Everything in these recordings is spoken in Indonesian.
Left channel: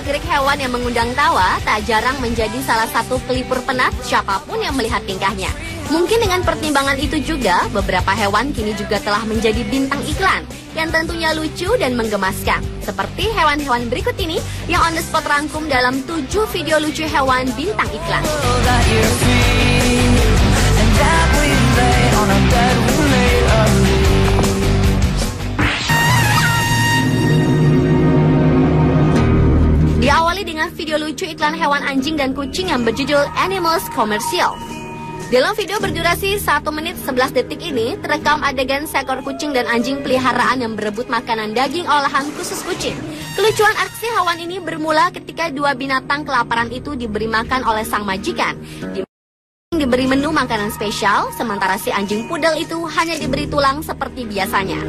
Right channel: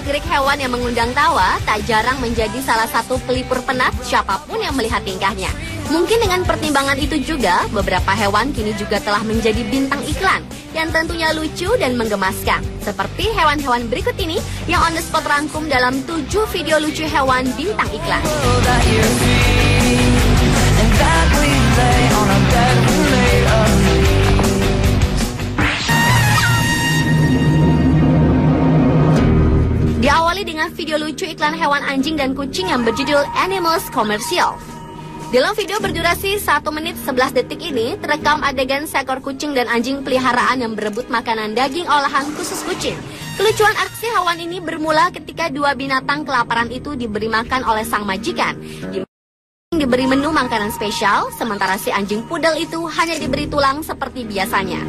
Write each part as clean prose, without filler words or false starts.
gerak-gerik hewan yang mengundang tawa tak jarang menjadi salah satu pelipur penat siapapun yang melihat tingkahnya. Mungkin dengan pertimbangan itu juga, beberapa hewan kini juga telah menjadi bintang iklan yang tentunya lucu dan menggemaskan. Seperti hewan-hewan berikut ini yang on the spot rangkum dalam 7 video lucu hewan bintang iklan. Diawali dengan video lucu iklan hewan anjing dan kucing yang berjudul Animals Commercial. Dalam video berdurasi 1 menit 11 detik ini, terekam adegan seekor kucing dan anjing peliharaan yang berebut makanan daging olahan khusus kucing. Kelucuan aksi hewan ini bermula ketika dua binatang kelaparan itu diberi makan oleh sang majikan. Diberi menu makanan spesial, sementara si anjing pudel itu hanya diberi tulang seperti biasanya.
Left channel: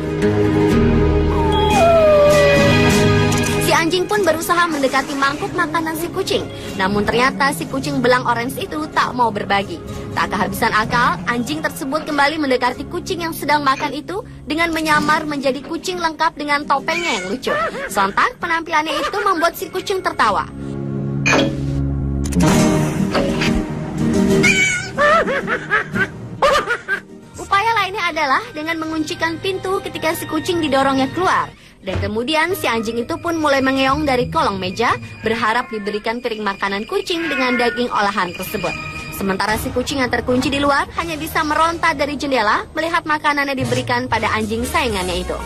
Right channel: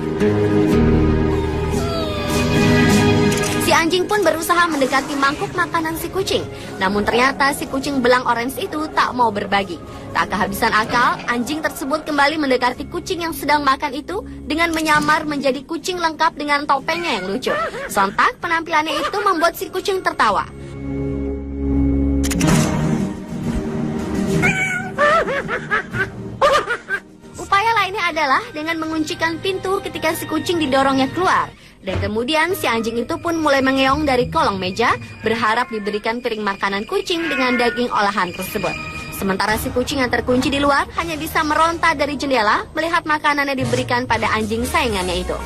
Si anjing pun berusaha mendekati mangkuk makanan si kucing. Namun ternyata si kucing belang orange itu tak mau berbagi. Tak kehabisan akal, anjing tersebut kembali mendekati kucing yang sedang makan itu dengan menyamar menjadi kucing lengkap dengan topengnya yang lucu. Sontak penampilannya itu membuat si kucing tertawa. Upaya lainnya adalah dengan menguncikan pintu ketika si kucing didorongnya keluar. Dan kemudian si anjing itu pun mulai mengeong dari kolong meja, berharap diberikan piring makanan kucing dengan daging olahan tersebut. Sementara si kucing yang terkunci di luar hanya bisa meronta dari jendela melihat makanannya diberikan pada anjing saingannya itu.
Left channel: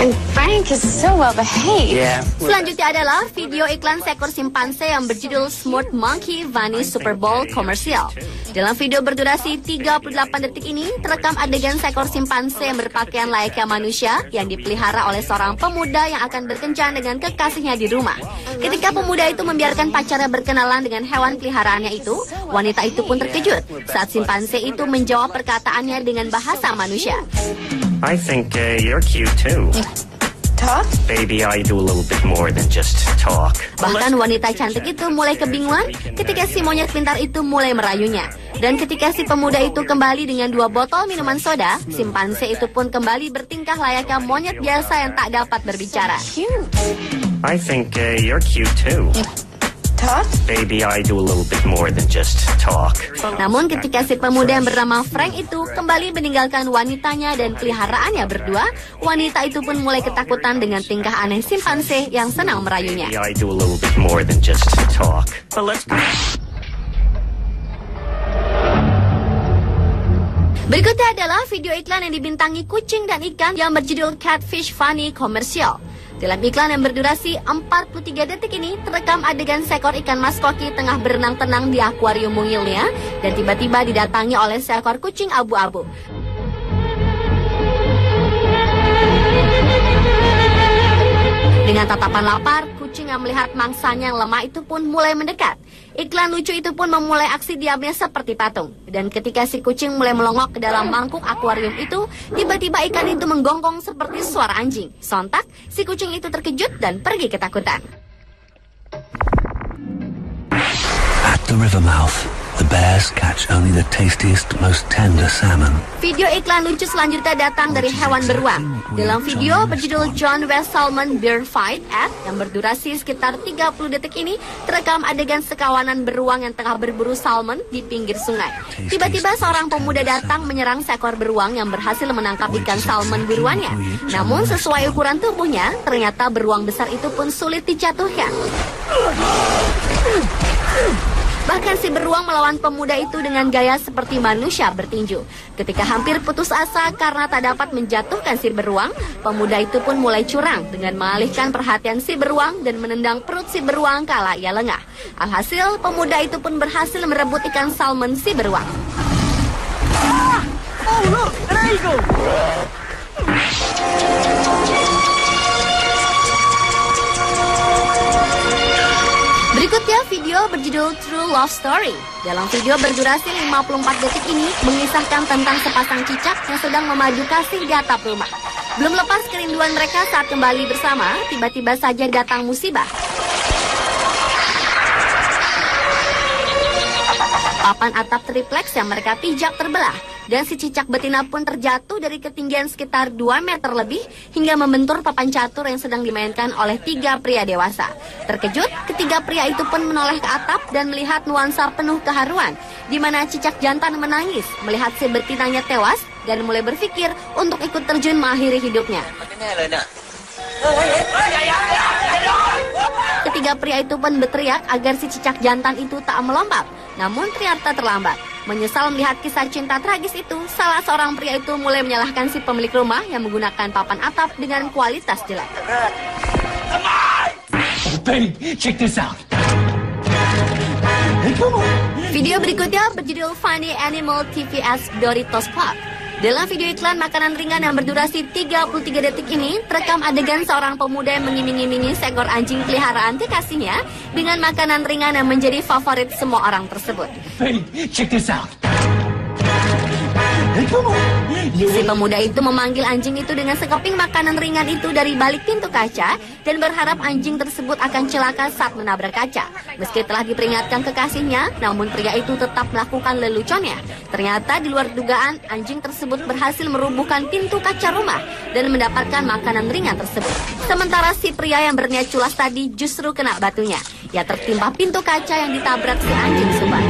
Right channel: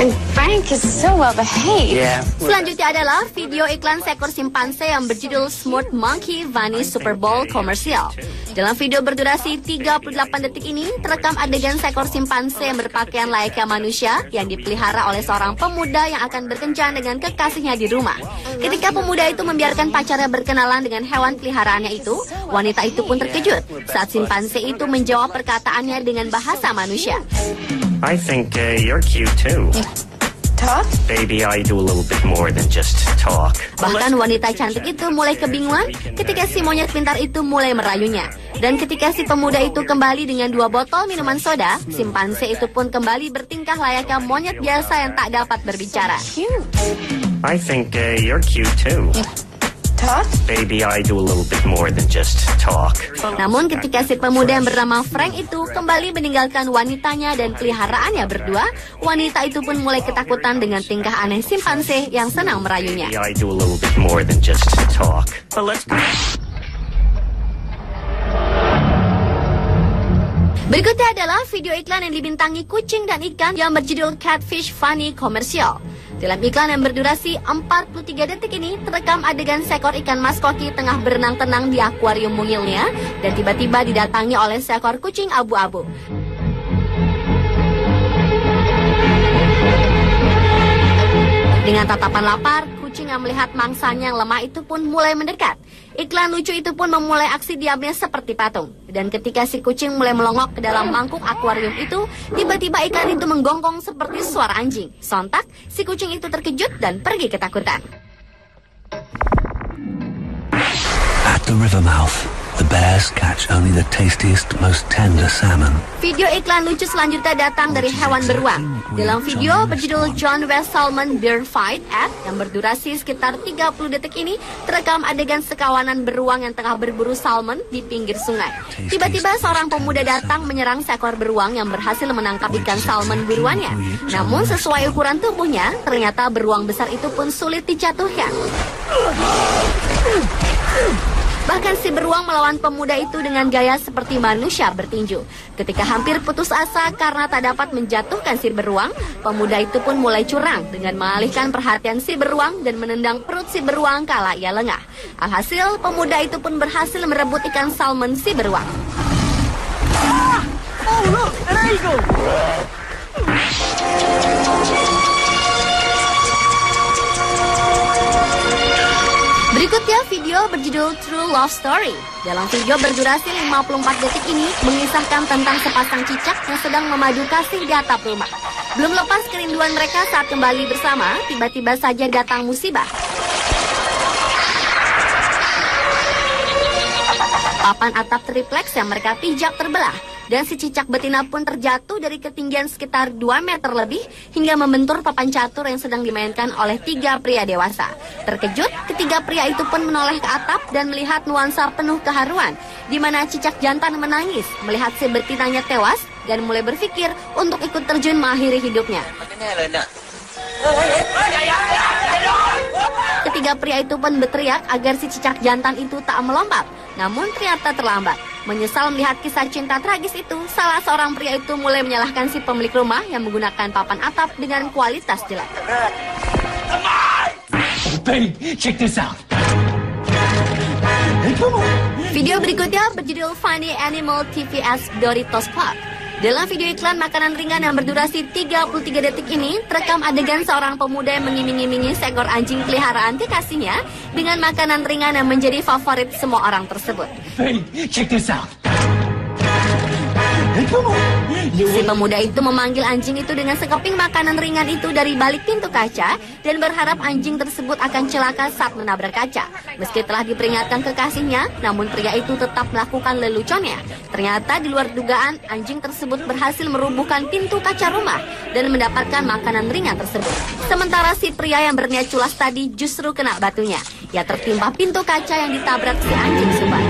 And Frank is so well behaved. Yeah. Selanjutnya adalah video iklan seekor simpanse yang berjudul Smart Monkey Vanish Super Bowl Commercial. Dalam video berdurasi 38 detik ini, terekam adegan seekor simpanse yang berpakaian layaknya manusia yang dipelihara oleh seorang pemuda yang akan berkencan dengan kekasihnya di rumah. Ketika pemuda itu membiarkan pacarnya berkenalan dengan hewan peliharaannya itu, wanita itu pun terkejut saat simpanse itu menjawab perkataannya dengan bahasa manusia. I think you're cute too. Talk? Maybe I do a little bit more than just talk. Bahkan wanita cantik itu mulai kebingungan ketika si monyet pintar itu mulai merayunya. Dan ketika si pemuda itu kembali dengan 2 botol minuman soda, simpanse itu pun kembali bertingkah layaknya monyet biasa yang tak dapat berbicara. I think you're cute too. Talk? Maybe I do a little bit more than just talk. Namun ketika si pemuda yang bernama Frank itu kembali meninggalkan wanitanya dan peliharaannya berdua, wanita itu pun mulai ketakutan dengan tingkah aneh simpanse yang senang merayunya. Maybe I do a little bit more than just talk. But let's go. Berikutnya adalah video iklan yang dibintangi kucing dan ikan yang berjudul Catfish Funny Commercial. Dalam iklan yang berdurasi 43 detik ini, terekam adegan seekor ikan mas koki tengah berenang tenang di akuarium mungilnya dan tiba-tiba didatangi oleh seekor kucing abu-abu. Dengan tatapan lapar, kucing yang melihat mangsanya yang lemah itu pun mulai mendekat. Iklan lucu itu pun memulai aksi diamnya seperti patung. Dan ketika si kucing mulai melongok ke dalam mangkuk akuarium itu, tiba-tiba ikan itu menggonggong seperti suara anjing. Sontak, si kucing itu terkejut dan pergi ketakutan. At the river mouth, the bears catch only the tastiest, most tender salmon. Video iklan lucu selanjutnya datang dari hewan beruang. Dalam video berjudul John West Salmon Bear Fight Ad yang berdurasi sekitar 30 detik ini, terekam adegan sekawanan beruang yang tengah berburu salmon di pinggir sungai. Tiba-tiba seorang pemuda datang menyerang seekor beruang yang berhasil menangkap ikan salmon buruannya. Namun sesuai ukuran tubuhnya, ternyata beruang besar itu pun sulit dijatuhkan. Bahkan si beruang melawan pemuda itu dengan gaya seperti manusia bertinju. Ketika hampir putus asa karena tak dapat menjatuhkan si beruang, pemuda itu pun mulai curang dengan mengalihkan perhatian si beruang dan menendang perut si beruang kala ia lengah. Alhasil, pemuda itu pun berhasil merebut ikan salmon si beruang. Berikutnya video berjudul True Love Story. Dalam video berdurasi 54 detik ini mengisahkan tentang sepasang cicak yang sedang memadu kasih di atap rumah. Belum lepas kerinduan mereka saat kembali bersama, tiba-tiba saja datang musibah. Papan atap tripleks yang mereka pijak terbelah dan si cicak betina pun terjatuh dari ketinggian sekitar 2 meter lebih hingga membentur papan catur yang sedang dimainkan oleh 3 pria dewasa. Terkejut, ketiga pria itu pun menoleh ke atap dan melihat nuansa penuh keharuan, di mana cicak jantan menangis melihat si betinanya tewas dan mulai berpikir untuk ikut terjun mengakhiri hidupnya. Ketiga pria itu pun berteriak agar si cicak jantan itu tak melompat, namun ternyata terlambat. Menyesal melihat kisah cinta tragis itu, salah seorang pria itu mulai menyalahkan si pemilik rumah yang menggunakan papan atap dengan kualitas jelek. Babe, check this out. Video berikutnya berjudul Funny Animal TVS Doritos Club. Dalam video iklan makanan ringan yang berdurasi 33 detik ini, terekam adegan seorang pemuda yang mengiming-imingi seekor anjing peliharaan kekasihnya dengan makanan ringan yang menjadi favorit semua orang tersebut. Babe, check this out. Si pemuda itu memanggil anjing itu dengan sekeping makanan ringan itu dari balik pintu kaca dan berharap anjing tersebut akan celaka saat menabrak kaca. Meski telah diperingatkan kekasihnya, namun pria itu tetap melakukan leluconnya. Ternyata di luar dugaan, anjing tersebut berhasil merubuhkan pintu kaca rumah dan mendapatkan makanan ringan tersebut. Sementara si pria yang berniat culas tadi justru kena batunya. Ya tertimpa pintu kaca yang ditabrak si anjing tersebut.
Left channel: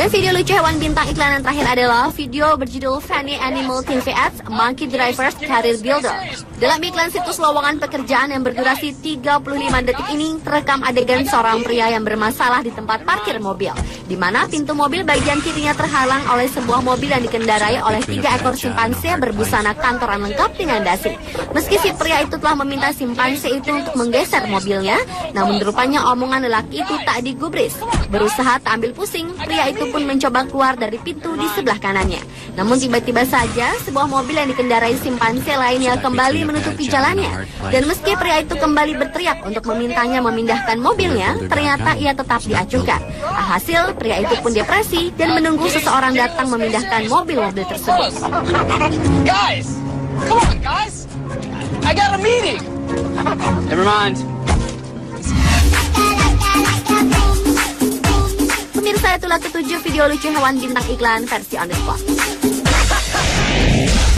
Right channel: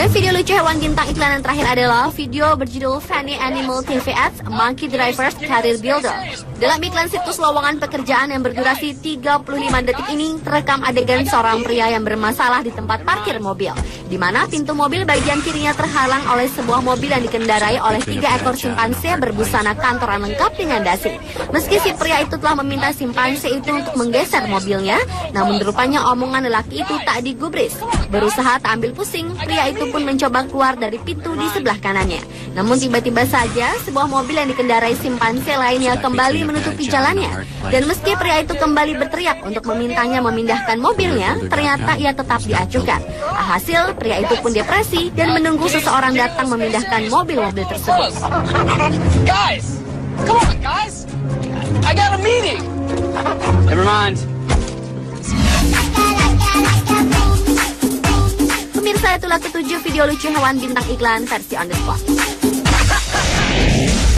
Dan video lucu hewan bintang iklan yang terakhir adalah video berjudul Funny Animal TVS Monkey Drivers Career Builder. Dalam iklan situs lowongan pekerjaan yang berdurasi 35 detik ini, terekam adegan seorang pria yang bermasalah di tempat parkir mobil, di mana pintu mobil bagian kirinya terhalang oleh sebuah mobil yang dikendarai oleh 3 ekor simpanse berbusana kantoran lengkap dengan dasi. Meski si pria itu telah meminta simpanse itu untuk menggeser mobilnya, namun rupanya omongan lelaki itu tak digubris. Berusaha tak ambil pusing, pria itu pun mencoba keluar dari pintu di sebelah kanannya. Namun tiba-tiba saja sebuah mobil yang dikendarai simpanse lainnya kembali menutupi jalannya. Dan meski pria itu kembali berteriak untuk memintanya memindahkan mobilnya, ternyata ia tetap diacuhkan. Alhasil pria itu pun depresi dan menunggu seseorang datang memindahkan mobil-mobil tersebut. Guys! Come on, guys! I got a meeting! Never mind. Pemirsa, itulah ketujuh video lucu hewan bintang iklan versi on the spot.